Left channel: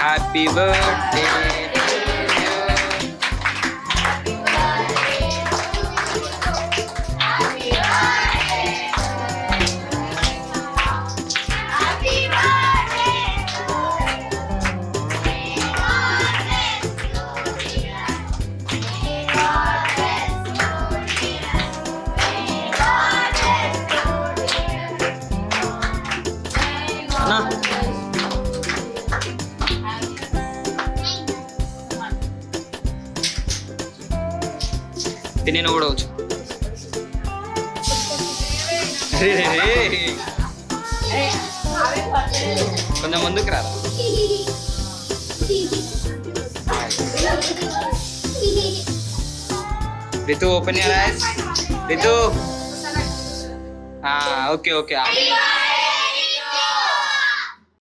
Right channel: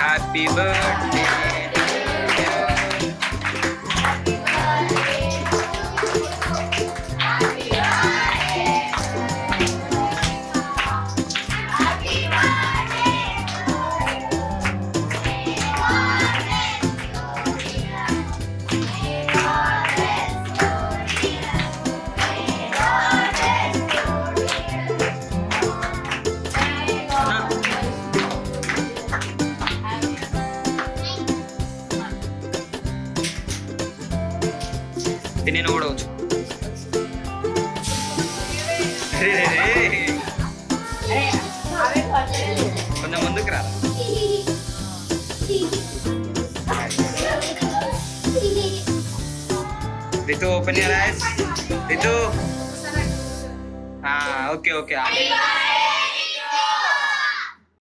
happy birthday తిని కూడా వచ్చు కొంచెం ముందుకు రా Ritu open your eyes Ritu okay okay